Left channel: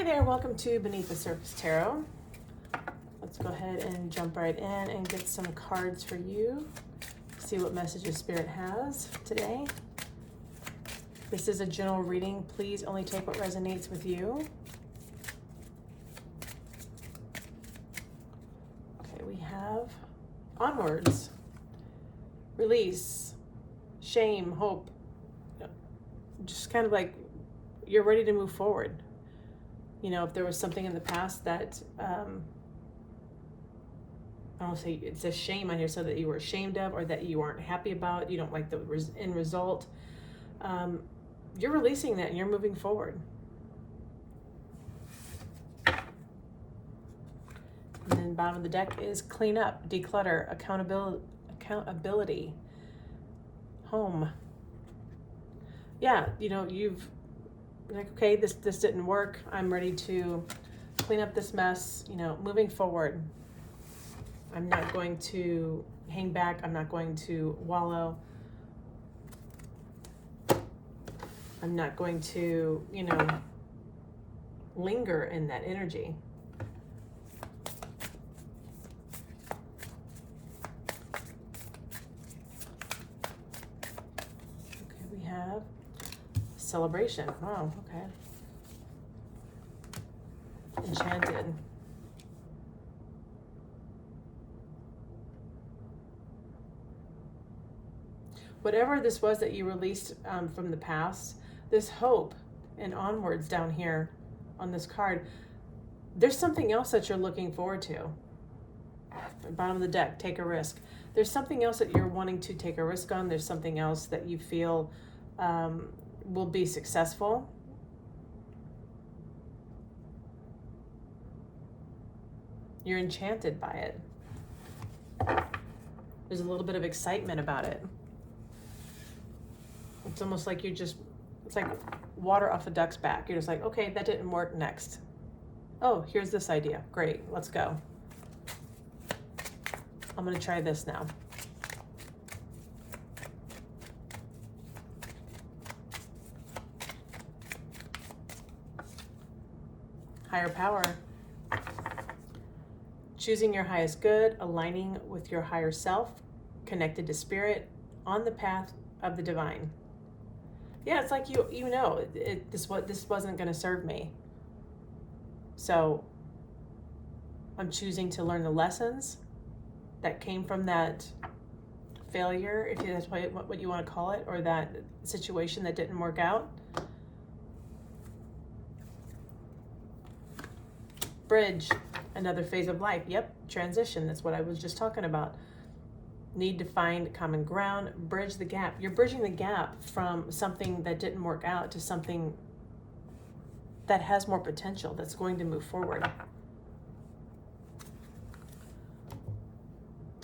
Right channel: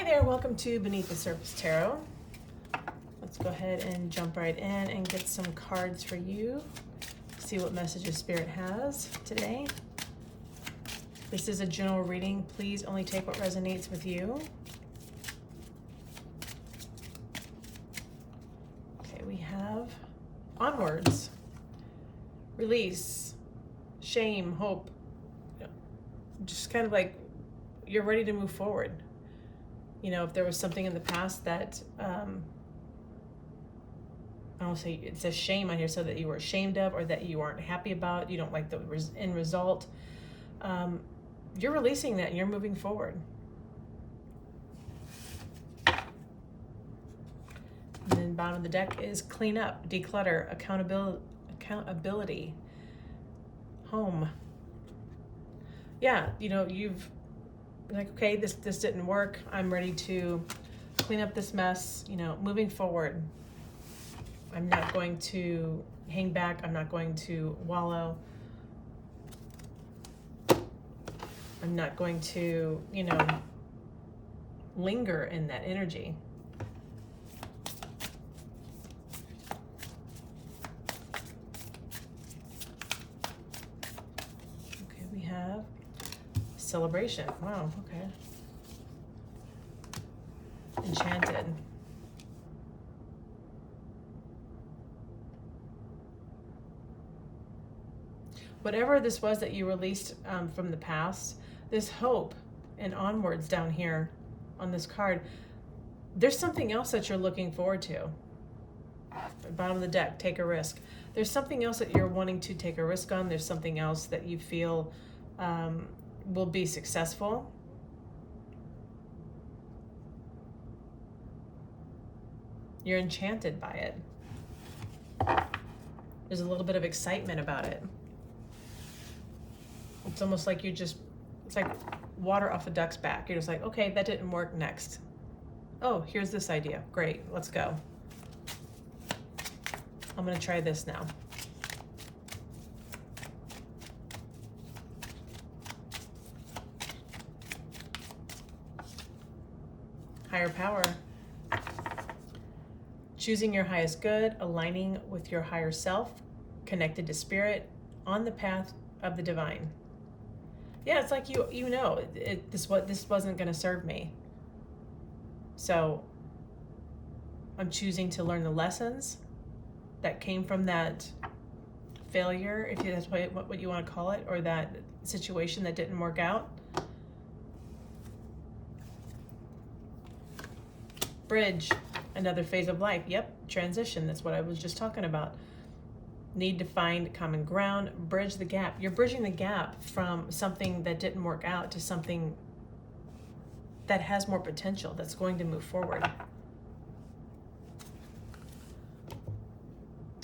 Hi there, welcome to Beneath the Surface Tarot. Let's go ahead and jump right in and get some cards for you. See what messages Spirit has today. This is a general reading. Please only take what resonates with you. Okay, we have onwards, release, shame, hope. Just kind of like you're ready to move forward. You know, if there was something in the past that, I don't say it says shame on here, so that you were ashamed of or that you aren't happy about, you don't like the end result, you're releasing that and you're moving forward. And then bottom of the deck is clean up, declutter, accountability, home. Yeah, you know, you've like, okay, this didn't work. I'm ready to clean up this mess, you know, moving forward. I'm not going to hang back. I'm not going to wallow. I'm not going to, you know, linger in that energy. Okay, we have celebration. Wow, okay. Enchanted. Whatever this was that you released from the past, this hope and onwards down here on this card, there's something else that you're looking forward to. Bottom of the deck, take a risk. There's something else that you're wanting to take a risk on. There's something else that you feel will be successful. You're enchanted by it. There's a little bit of excitement about it. It's almost like it's like water off a duck's back. You're just like, okay, that didn't work, next. Oh, here's this idea. Great, let's go. I'm gonna try this now. Higher power. Choosing your highest good, aligning with your higher self, connected to spirit, on the path of the divine. Yeah, it's like you know, this wasn't going to serve me. So I'm choosing to learn the lessons that came from that failure, if that's what you want to call it, or that situation that didn't work out. Bridge, another phase of life. Yep, transition. That's what I was just talking about. Need to find common ground, bridge the gap. You're bridging the gap from something that didn't work out to something that has more potential, that's going to move forward.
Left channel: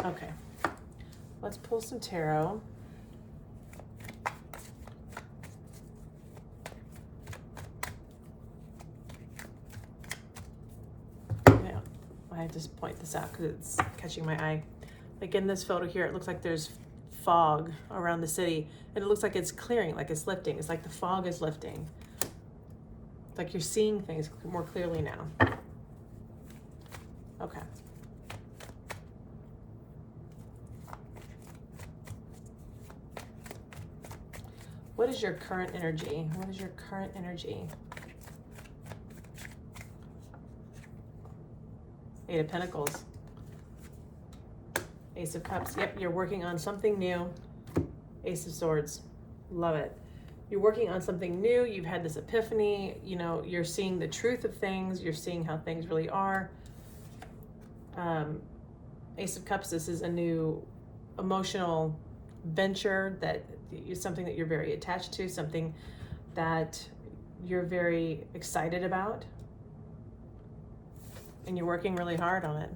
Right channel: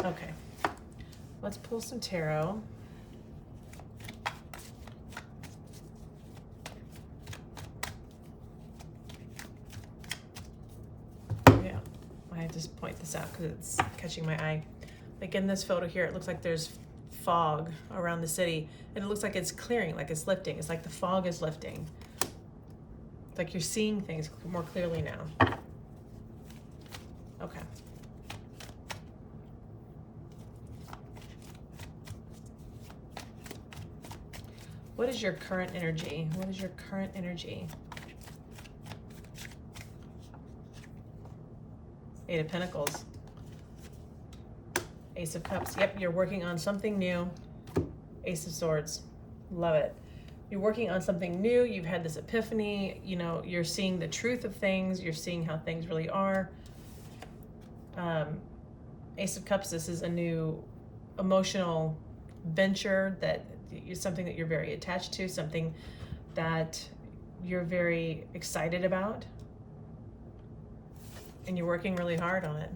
Okay, let's pull some tarot. Yeah, I have to point this out because it's catching my eye. Like in this photo here, it looks like there's fog around the city, and it looks like it's clearing, like it's lifting. It's like the fog is lifting. It's like you're seeing things more clearly now. Okay. What is your current energy? What is your current energy? Eight of Pentacles. Ace of Cups. Yep, you're working on something new. Ace of Swords. Love it. You're working on something new. You've had this epiphany. You know, you're seeing the truth of things. You're seeing how things really are. Ace of Cups, this is a new emotional venture that is something that you're very attached to, something that you're very excited about. And you're working really hard on it.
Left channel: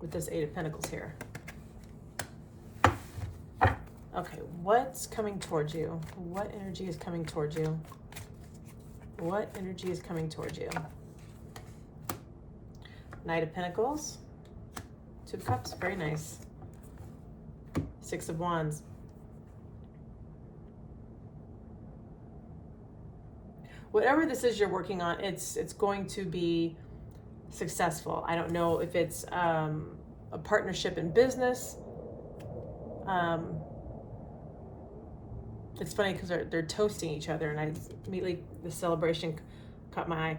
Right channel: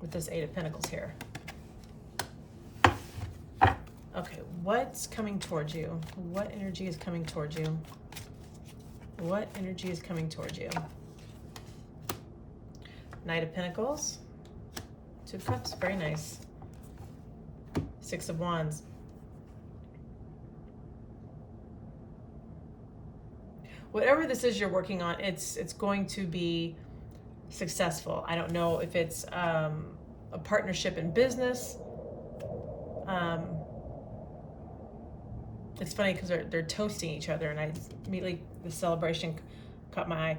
With this Eight of Pentacles here. Okay, what's coming towards you? What energy is coming towards you? What energy is coming towards you? Knight of Pentacles. Two of Cups, very nice. Six of Wands. whatever this is you're working on, it's going to be successful. I don't know if it's a partnership in business. It's funny because they're toasting each other, and I immediately, the celebration caught my eye.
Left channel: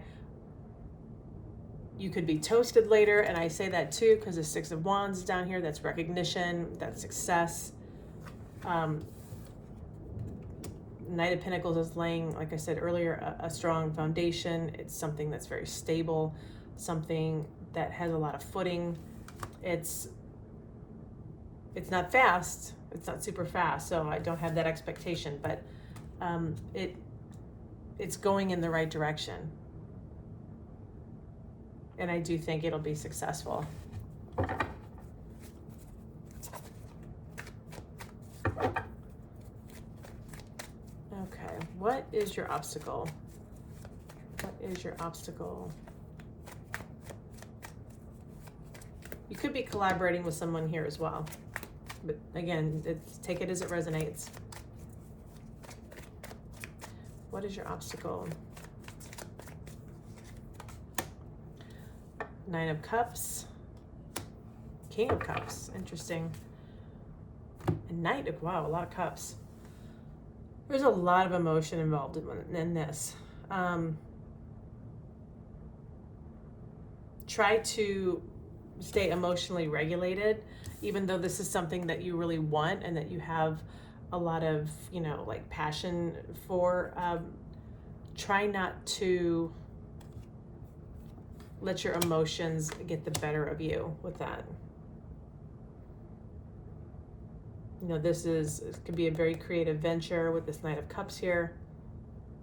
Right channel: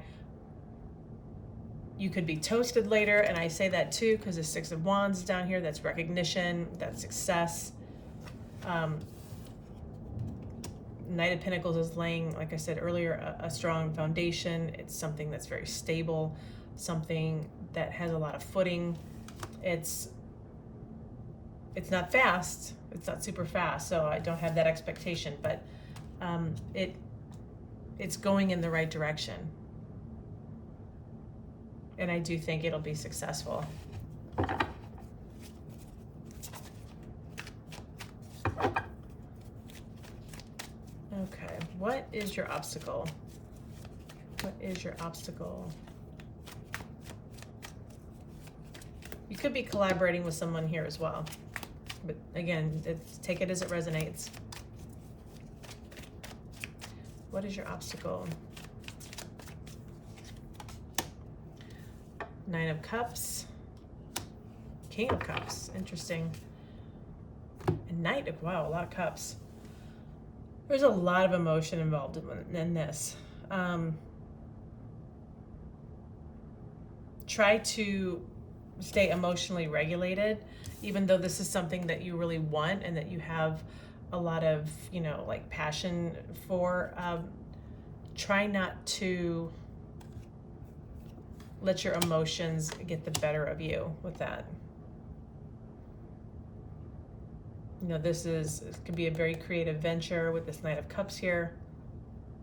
You could be toasted later, and I say that too because the Six of Wands is down here. That's recognition, that's success. Knight of Pentacles is laying, like I said earlier, a strong foundation. It's something that's very stable, something that has a lot of footing. It's not fast. It's not super fast, so I don't have that expectation, but it's going in the right direction. And I do think it'll be successful. Okay, what is your obstacle? What is your obstacle? You could be collaborating with someone here as well. But again, take it as it resonates. What is your obstacle? Nine of Cups. King of Cups. Interesting. And Knight of, wow, a lot of cups. There's a lot of emotion involved in this. Try to stay emotionally regulated, even though this is something that you really want and that you have a lot of, you know, like passion for. Try not to let your emotions get the better of you with that. You know, this could be a very creative venture with this Knight of Cups here.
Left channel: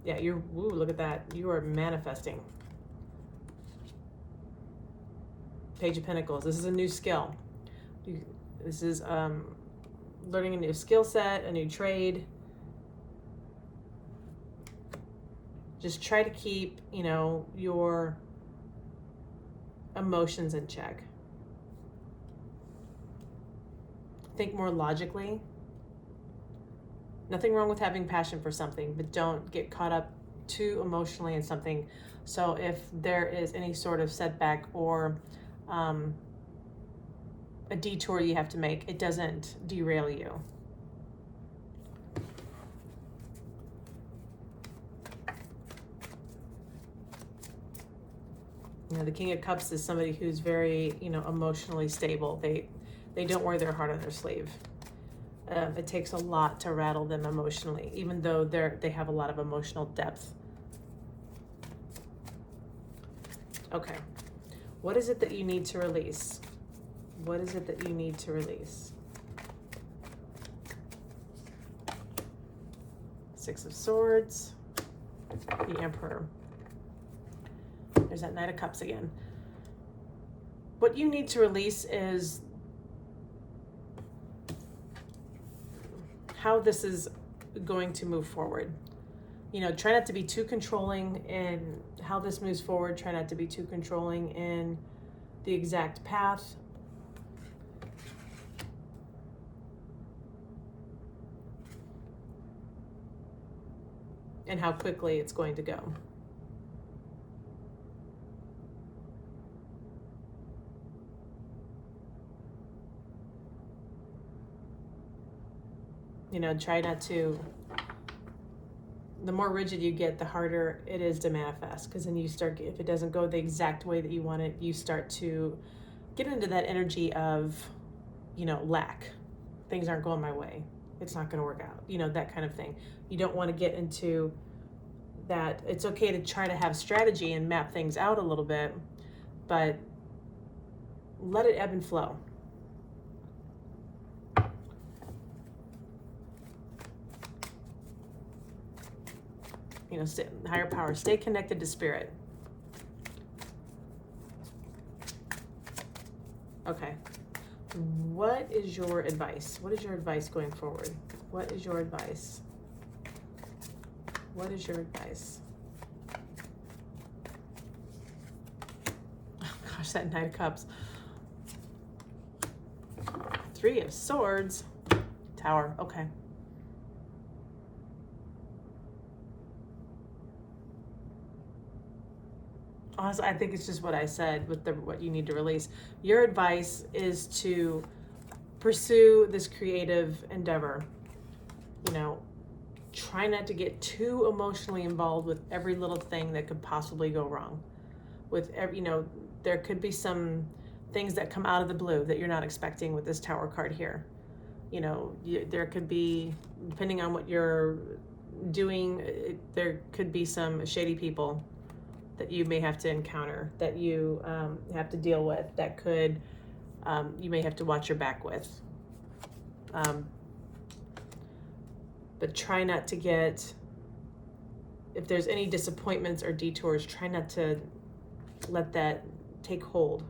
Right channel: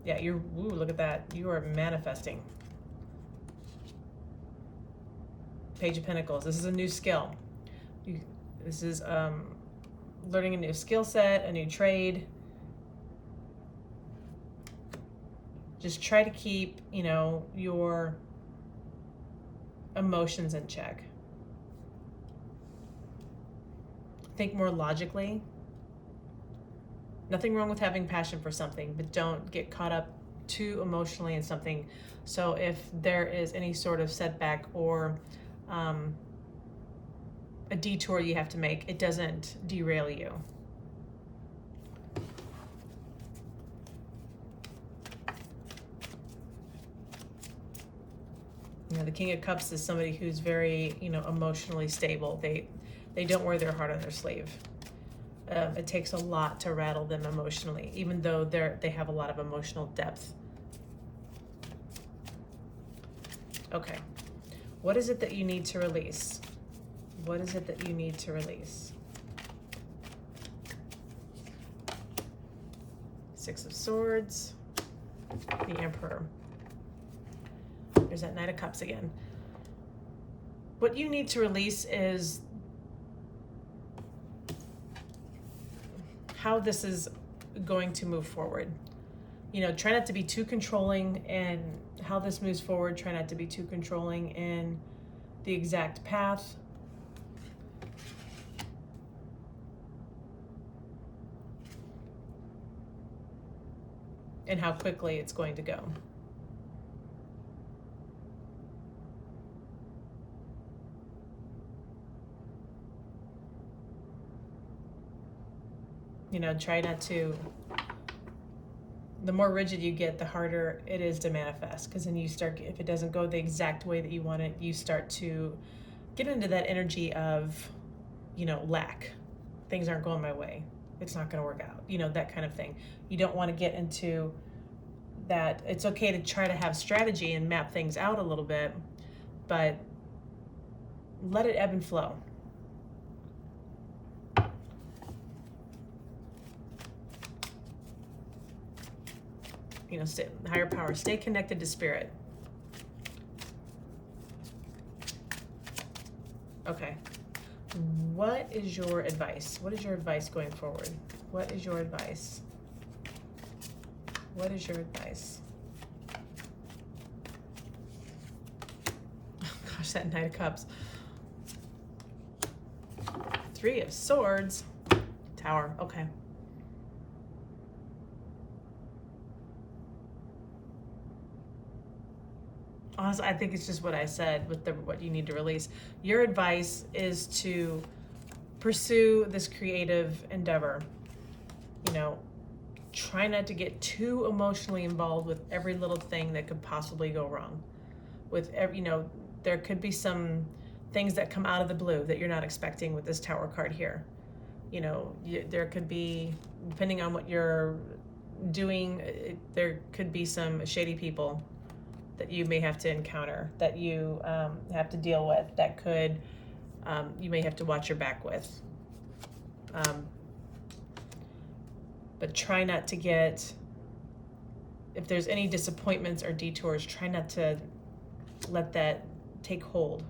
Yeah, ooh, look at that. You are manifesting. Page of Pentacles. This is a new skill. This is learning a new skill set, a new trade. Just try to keep, you know, your emotions in check. Think more logically. Nothing wrong with having passion for something, but don't get caught up too emotionally in something. So if there is any sort of setback or a detour you have to make, it doesn't derail you. You know, the King of Cups is somebody who's very, you know, emotionally stable. They don't wear their heart on their sleeve. It takes a lot to rattle them emotionally, even though they have a lot of emotional depth. Okay, what is it that you need to release? What is it that you need to release? Six of Swords, the Emperor. There's that Knight of Cups again. What you need to release is how this is going to move forward. You know, try not to be too controlling in how this moves forward. Try not to be too controlling in the exact path. And how quickly it's going to go. You know, try not to, the more rigid you get, the harder it is to manifest. Because then you start, if it doesn't go the exact way that you want it, you start to get into that energy of, you know, lack. Things aren't going my way. It's not going to work out. You know, that kind of thing. You don't want to get into that. It's okay to try to have strategy and map things out a little bit, but let it ebb and flow. You know, higher power, stay connected to spirit. Okay. What is your advice? What is your advice going forward? What is your advice? What is your advice? Oh, gosh, that Knight of Cups. Three of Swords. Tower. Okay. honestly, I think it's just what I said with what you need to release. Your advice is to pursue this creative endeavor. You know, try not to get too emotionally involved with every little thing that could possibly go wrong. With every, there could be some things that come out of the blue that you're not expecting with this Tower card here. There could be, depending on what you're doing, there could be some shady people that you may have to encounter, that you have to deal with, that could, you may have to watch your back with. But try not to get, if there's any disappointments or detours, try not to let that take hold.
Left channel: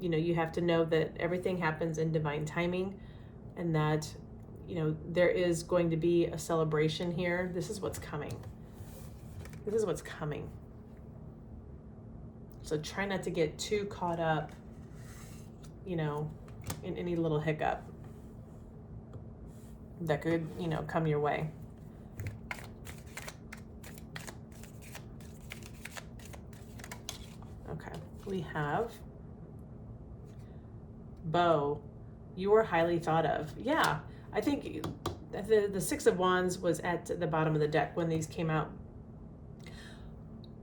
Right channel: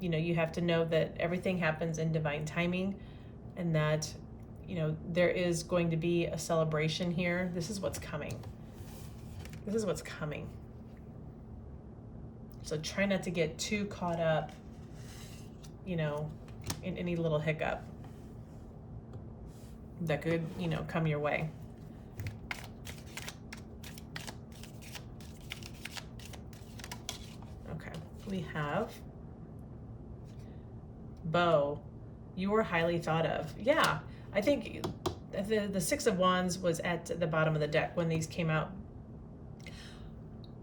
You have to know that everything happens in divine timing, and that, there is going to be a celebration here. This is what's coming. This is what's coming. So try not to get too caught up, in any little hiccup that could, come your way. Okay, we have Bo. You were highly thought of. Yeah, I think the Six of Wands was at the bottom of the deck when these came out.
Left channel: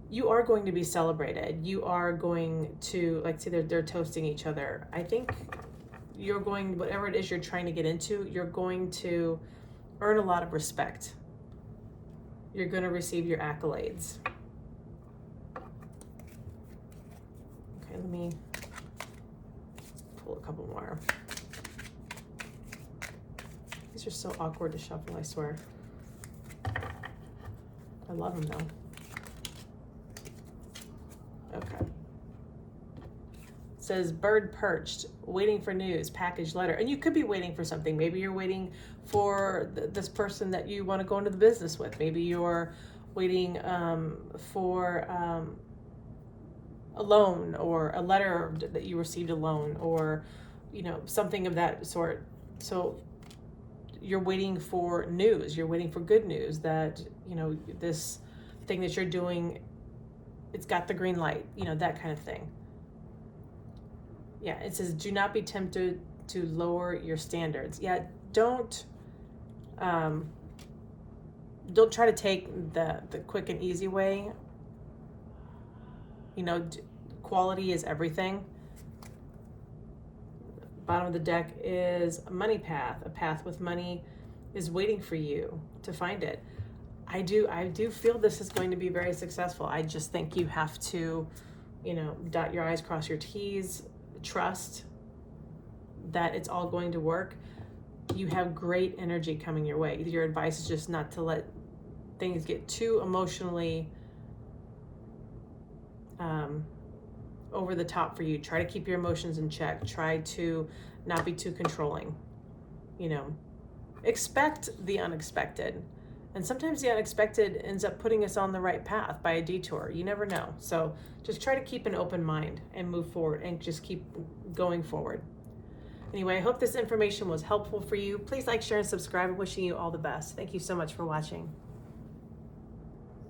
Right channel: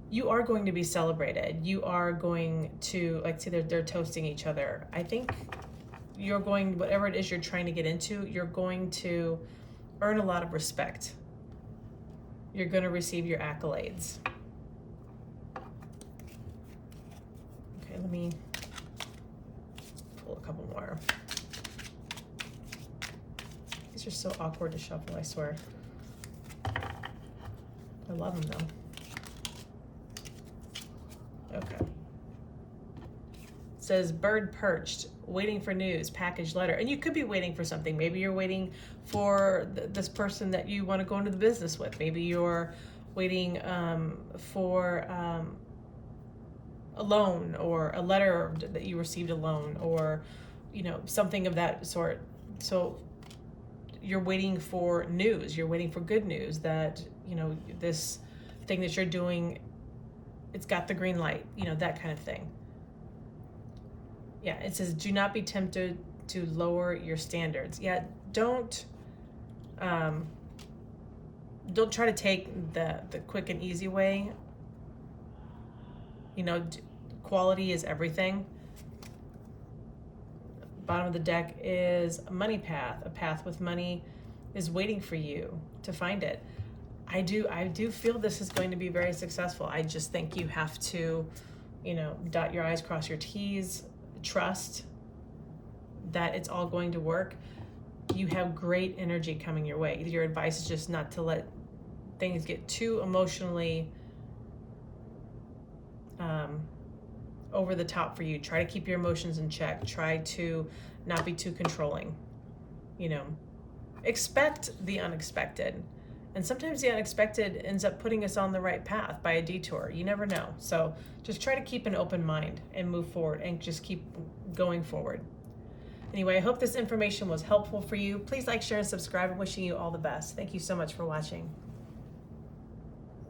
You are going to be celebrated. You are going to, like, see, they're toasting each other. I think you're going, whatever it is you're trying to get into, you're going to earn a lot of respect. You're going to receive your accolades. Okay, let me pull a couple more. These are so awkward to shuffle, I swear. I love them though. Okay. It says bird perched, waiting for news, package letter. And you could be waiting for something. Maybe you're waiting for this person that you want to go into the business with. Maybe you're waiting for a loan, or a letter that you received a loan, or something of that sort. So you're waiting for news. You're waiting for good news that this thing that you're doing, it's got the green light, that kind of thing. Yeah, it says do not be tempted to lower your standards. Yeah, don't try to take the quick and easy way. Quality is everything. Bottom of the deck is a money path. A path with money is waiting for you to find it. I do feel this is going to be very successful. I just think you have to, dot your I's, cross your T's, trust that it's all going to work. You have great energy coming your way. Your advice is just not to let things get too emotionally over the top for you. Try to keep your emotions in check. Try to not be too controlling. Expect the unexpected. And sometimes the unexpected ends up putting us on the right path by a detour. You never know. So just try to keep an open mind and move forward, and just keep going forward. Anyway, I hope this information was helpful for you. Please like, share, and subscribe. I'm wishing you all the best. Thank you so much for watching.